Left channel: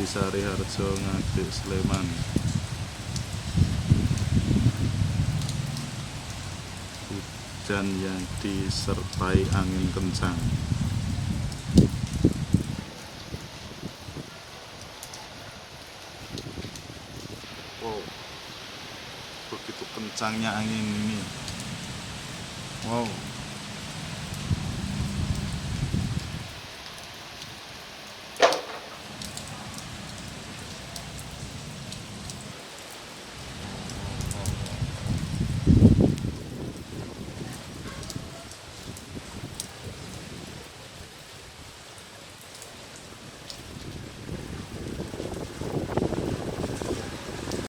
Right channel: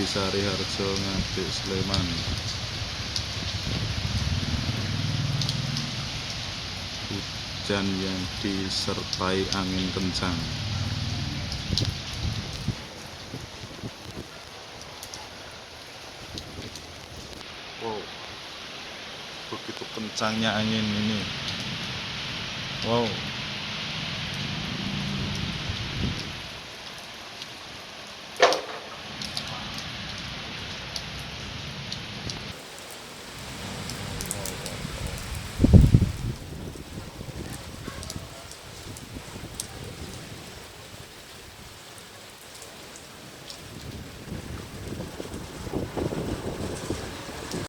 di Sariharjo Ngadek Sleman. Hujan yang disertai angin kencang. Wow, begitu kencangnya angin ini. Wow.